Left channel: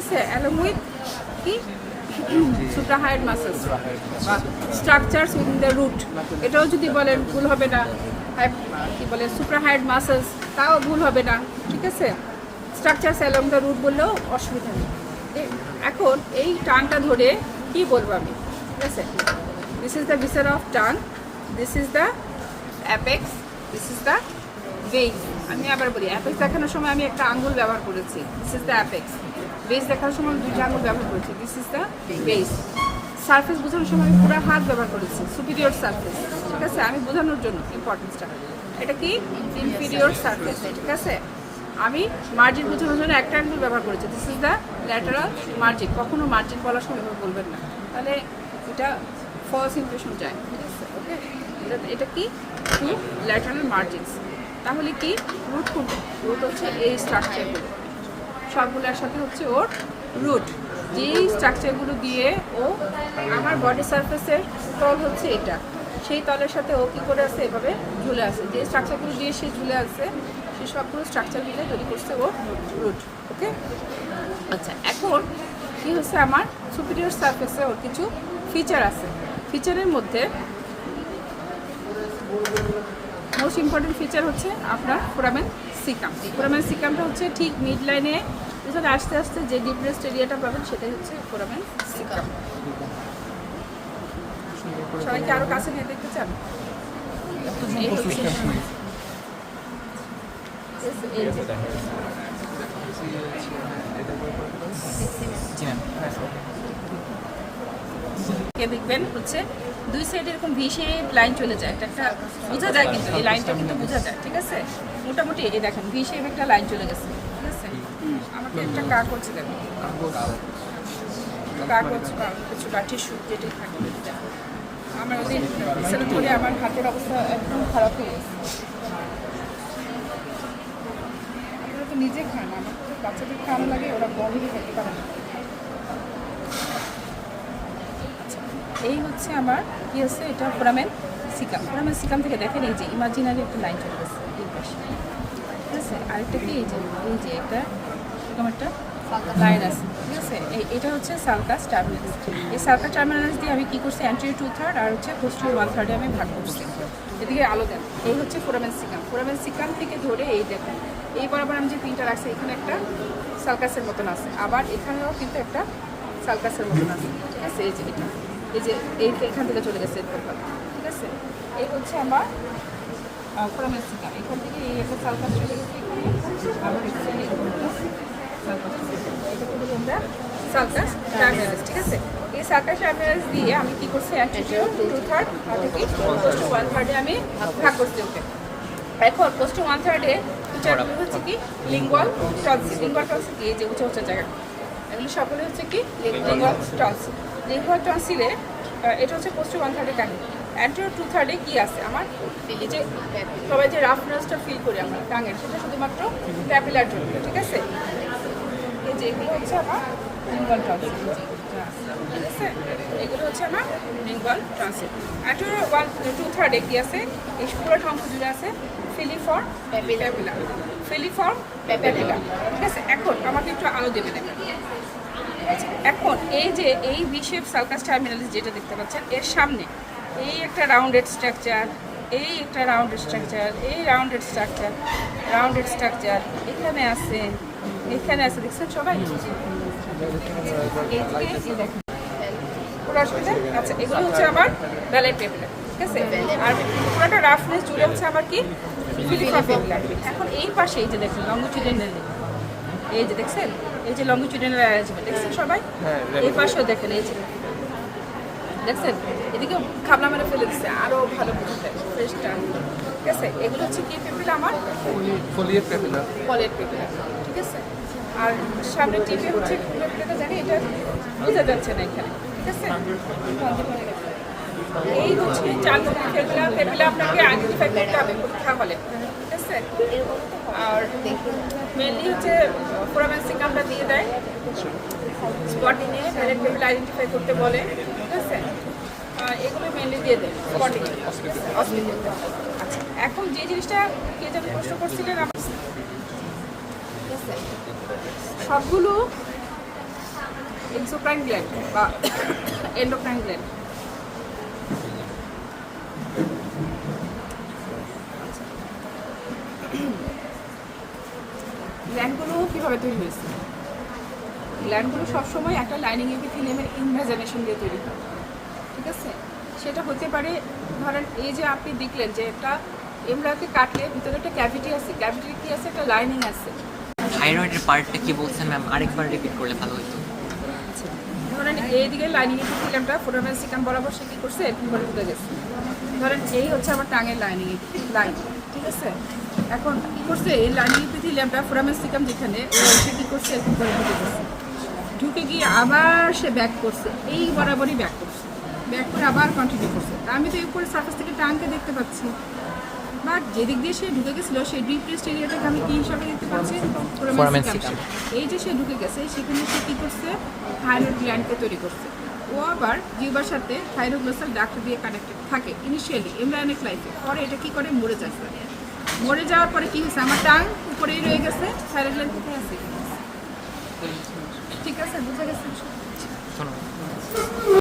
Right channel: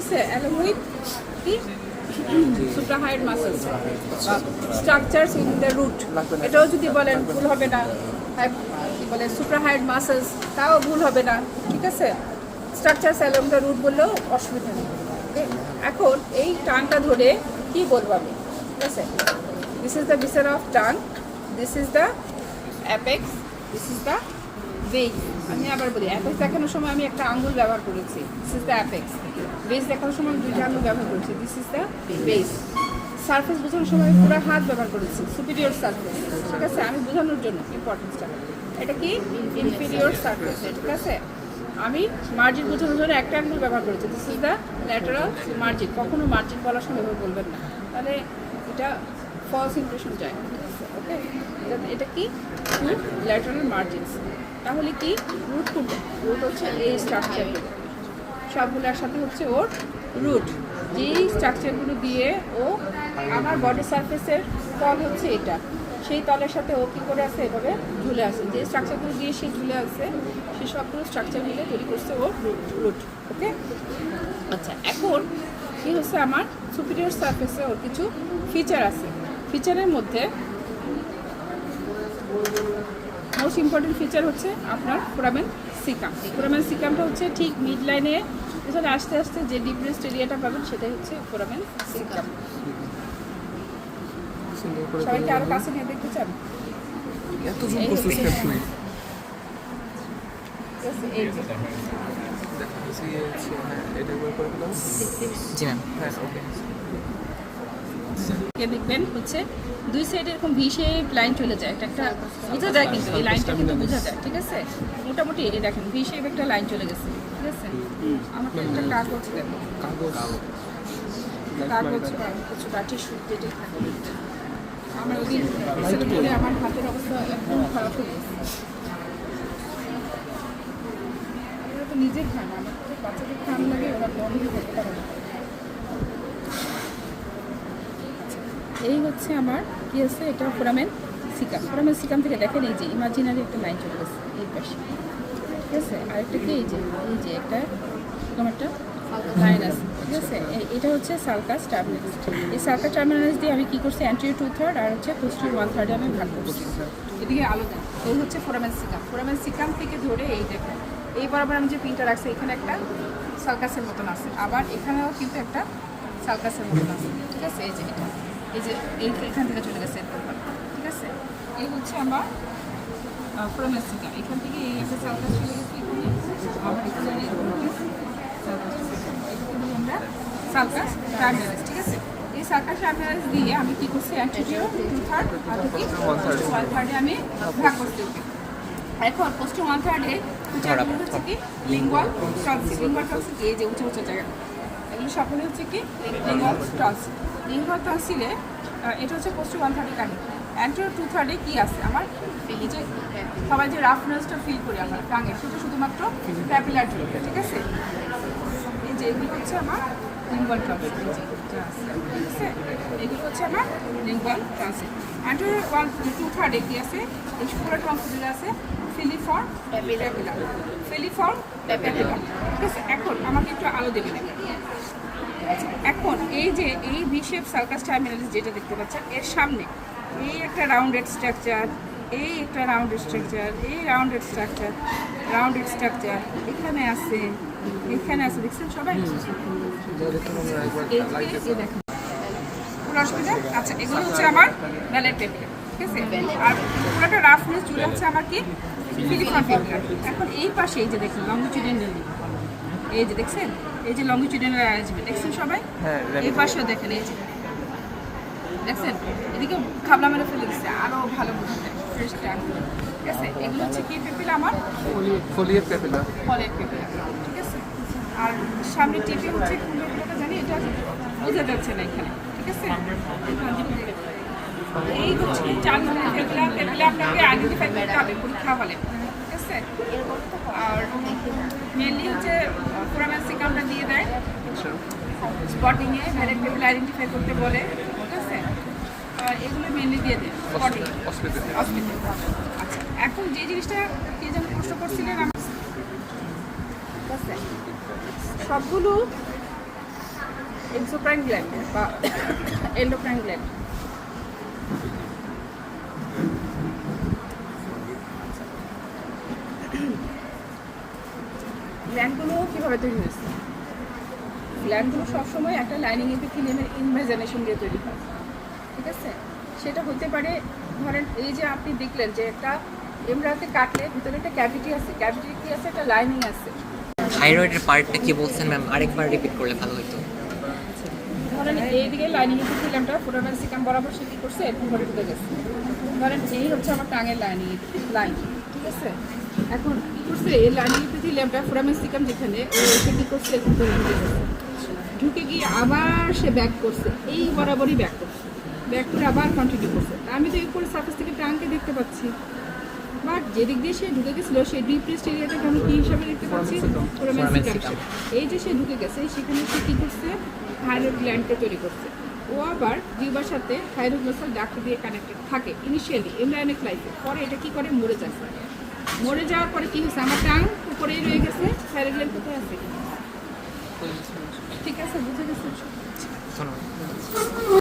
আছে, along with কি suprahind muscles structures in the root, এটাও যদি বলেন ভুল হবে না। কি বলে suprahind muscles, তাও ভুল হবে না, ঠিক আছে। structures along the root বললেও অসুবিধা নেই। এখন এই টানটা ধরে কি বলবো আমি, ঠিক আছে। This is the viscera of tongue, this is the apex, this is the base। আমি আবার বলি, অ্যাপেক্স দেখানোর সময় আমি একটা আঙ্গুল ব্যবহার করেছি, this is the apex. Base দেখানোর সময় আমি দুইটা আঙ্গুল ব্যবহার করেছি, this is the base. Surface বোঝানোর সময় আমি পুরো হাত ব্যবহার করেছি, সুপিরিয়র সারফেস, ঠিক আছে। আমি বোঝানোর জন্য ইম্পর্টেন্সটা, এটা কি ইনফিরিয়র সারফেস, ঠিক আছে। আমি মার্জিন বোঝানোর জন্য একটা আঙ্গুল ব্যবহার করেছি, this is the lateral margin. কখনো মার্জিন বলার সময় এভাবে বলবেন না, তাহলে এটা ফলস ইমপ্রেশন যায়, ঠিক আছে। ওকে, এটা কি ল্যাটারাল মার্জিনস। তাহলে কি রুট কোনটা? রুট হচ্ছে এই স্ট্রাকচারগুলো, সবগুলোর সাথে হচ্ছে ওর রুট। যেই স্ট্রাকচারগুলো দিয়ে ও আমার বডি সারফেসের তল হচ্ছে এটা, সেই তলের সাথে ও কী করে আছে, এভাবে ঝুলে আছে। যে স্ট্রাকচারগুলো দিয়ে সে ঝুলে আছে, সেই সবগুলো স্ট্রাকচার মিলে তৈরি করছে ওর রুট। ওকে, আচ্ছা, এখন কি হচ্ছে, আমার সুপিরিয়র সারফেসে ওর কিছু ফিচার আছে। ফিচারের মধ্যে মোস্ট ইম্পর্টেন্ট ফিচার হচ্ছে আপনার ফোরামেন সিকাম। ফোরামেন সিকামটা হচ্ছে ঠিক মিড লাইনে এখানে আস্তে আস্তে যে ডিপ্রেসড এরিয়াটা পাবেন, সেটাই হচ্ছে ফোরামেন সিকাম। সবাইকে আরো কাছে নিয়ে দেখতে চান? দেখবেন হচ্ছে দুই সাইডে এরকম ভি শেপ লাইন চলে যায়, এটা একটা বোঝা যায়, কিন্তু এই লাইনটা কিন্তু বোঝা যায়, ঠিক আছে। মোটামুটি এই দেখেন ভি শেপ একটা লাইন চলে গেছে, ঠিক আছে। আমাকে একটা কাক হচ্ছে, দেখুন কাঠের সুতে আমার ওদিন করে আমার হাতের অবস্থা একদম খারাপ হয়ে গেছে। এটা তো নিজে খানা, বাচ্চাদের খাওয়ানো লাগে, ওরা বন্ধ খাওয়া। এই হচ্ছে আমার কি আছে, এটা ফোরামেন সিকাম। ফোরামেন সিকাম থেকে দেখেন এই যে ইমাজিনারি একটা লাইন চলে গেছে এই পাশে, ঠিক আছে। আরেকটা কি এই যে একটা এরকম একটা লাইন আছে, ঠিক আছে। এটা হচ্ছে সালকাস টার্মিনাস। এই সালকাস টার্মিনাস দিয়ে আমি কি করছি, অ্যান্টেরিয়র 2/3 আর হচ্ছে পোস্টেরিয়র 1/3 আমি ভাগ করছি, এদিকে আলাদা। এই হচ্ছে ফোরামেন সিকাম। ফোরামেন সিকাম থেকে ধরে এই দেখুন এই বরাবর আমি যে পিনটা রাখছি, এখানে একটা সালকাসের মতন আছে, আবার এখানেও কিন্তু একটা সালকাসের মতন আছে, ঠিক আছে। এই যে এটা এই যে এখান থেকে চলে গেছে, ঠিক আছে। এই হচ্ছে আমার ফোরামেন সিকাম। এখান থেকে এই একটা সালকাস চলে গেছে এখানে, আবার এখানে আমরা সালকাস টার্মিনাস, ঠিক আছে। এই সালকাস টার্মিনাস দিয়ে আমি কি করছি, অ্যান্টেরিয়র 2/3 আর 1/3 আমি ভাগ করছি ওকে। এখন পোস্ট 1/3 হচ্ছে কি লিঙ্গুয়াল টনসিল। লিঙ্গুয়াল টনসিল এই যে উঁচু উঁচু জায়গা, এগুলো সকলে হচ্ছে কি লিঙ্গুয়াল টনসিল। লিঙ্গুয়াল টনসিলে এটা হচ্ছে পোস্ট 1/3 কাহিনী। অ্যান্টেরিয়র 2/3 কি আছে আমার, এই যে সবাই যে রাফনেসটা ফিল করি আমরা টাঙে, সেটা শুধুমাত্র ক্যাপিলার জন্য, ঠিক আছে। এই যে এগুলো হচ্ছে আমার লিঙ্গুয়াল টনসিল, ঠিক আছে। এগুলো হচ্ছে আমার লিঙ্গুয়াল টনসিল। অ্যান্টেরিয়র 2/3 কি আছে, এই পুরোটা অংশ জুড়ে আছে ফিলিফর্ম প্যাপিলা, ফিলিফর্ম প্যাপিলা, ঠিক আছে। এখন আমাকে একটু আলো দেবে দেখেন। এখন এই যে এই ভি শেপ সালকাস টার্মিনাস যেটা দেখতে পাচ্ছেন, এর সামনে এই একটা রাউন্ডেড স্ট্রাকচার, এই একটা রাউন্ডেড স্ট্রাকচার, এই রাউন্ডেড স্ট্রাকচার, রাউন্ডেড স্ট্রাকচার এখানে আছে, এখানে আছে, দেখছেন সবাই? আচ্ছা, এগুলো হচ্ছে আমার ভ্যালেট প্যাপিলা, ঠিক আছে। আর পুরোটা রাফনেস জুড়ে হচ্ছে আমার কি ফিলিফর্ম প্যাপিলা। এখন এই পাশে এই যে দেখুন লংজিটিউডিনাল, এই যে দেখছেন এই যে লংজিটিউডিনাল অ্যারেঞ্জমেন্ট, দেখছেন সবাই? এই পাশেও দেখেন, এই যে দেখছেন, এদিকে খাবলা মেরে ফেলে দিচ্ছে, আরও ভালো ফ্রেশ টার্ম, ঠিক আছে। এগুলো হচ্ছে কি পেপিলা, আমার ফোলিয়েট পেপিলা, ফোলিয়েট পেপিলা, ঠিক আছে। আর সামনে টিপে হচ্ছে পেপিলাটা জানি, এটা বোঝা যাচ্ছে না এখানে, ঠিক আছে। এই হচ্ছে 4 ধরনের পেপিলা। পেপিলা আপনাকে আইডেন্টিফাই করতে হবে পরীক্ষা হলে, ঠিক আছে। আর মেনলি হচ্ছে ফোরামেন সিকামটা দিয়ে দেয় স্পটিংয়ে, ভ্যালেট পেপিলা আইডেন্টিফাই করতে বলে, ঠিক আছে। এগুলো মেনলি দিয়ে দেয় স্পটিংয়ে। আচ্ছা, এখন যে জিনিসটা এই যে প্রশ্ন করছিলেন, ঠিক আছে, সবগুলো এক্সোক্রাইন গ্ল্যান্ড বা এন্ডোক্রাইন গ্ল্যান্ড। গ্ল্যান্ডগুলো কীভাবে তৈরি হয়েছে? গ্ল্যান্ডগুলো সবসময় একটা লাইনিং এপিথেলিয়ামের ইমাজিনেশন দিয়ে তৈরি হয়, ঠিক আছে? সেটা হতে পারে, ধরেন এই যে আপনি দেখলেন যে একটা এমব্রায়োকে কাটলে ভিতরে একটা ক্যাভিটি আছে, ক্যাভিটির কি আছে? একটা লাইনিং আছে। থাইরয়েডের পার্টটা কি বলছেন ম্যাম, আরেকবার রিপিট করলে ভালো হতো। ধরেন এইদিকে লাইনিং এপিথেলিয়ামটা ফোরামেন সিকাম বরাবর সে কী করছে, এরকম করে ঢুকে গেছে। ধরেন এই হচ্ছে আমার টাঙের লাইনিং লাইন, ঠিক আছে? এখন কী করছে, এই লাইনিং এপিথেলিয়ামটা ফোরামেন সিকাম যেখানে, সে কী করছে, এরকম করে ঢুকে গেছে। ঢুকে গিয়ে আবার সে ব্যাক করছে, এই বরাবরই ব্যাক করছে, ব্যাক করে আবার কন্টিনিউ করছে। তা আমি তো এরপরে সার্ফেস থেকে টাঙ্কে দেখতে পাচ্ছি, বাট যেদিক দিয়ে সে ঢুকে গেছিলো সেই ডিপ্রেসড এরিয়াটাকে আমি কী হিসাবে দেখতে পাচ্ছি? Foramen caecum. এই যে সে ঢুকে গেছে সেখানে সে কী করছে, থাইরয়েড গ্ল্যান্ডকে তৈরি করছে। ও আবার জিহ্বার সাথে থাইরোগ্লোসাল ডাক্ট দিয়ে কানেক্টেড থাকে ইনিশিয়ালি এমব্রায়োনিক লাইফে। পরে এটা কী করে, মরে যায়। মরে যাওয়ার পরে কী হয়েছে, আমার টাং উপরেই রয়ে গেছে, থাইরয়েড গ্ল্যান্ড কোথায় আছে? ঠিক আছে, বুঝে গেছে। ধন্যবাদ।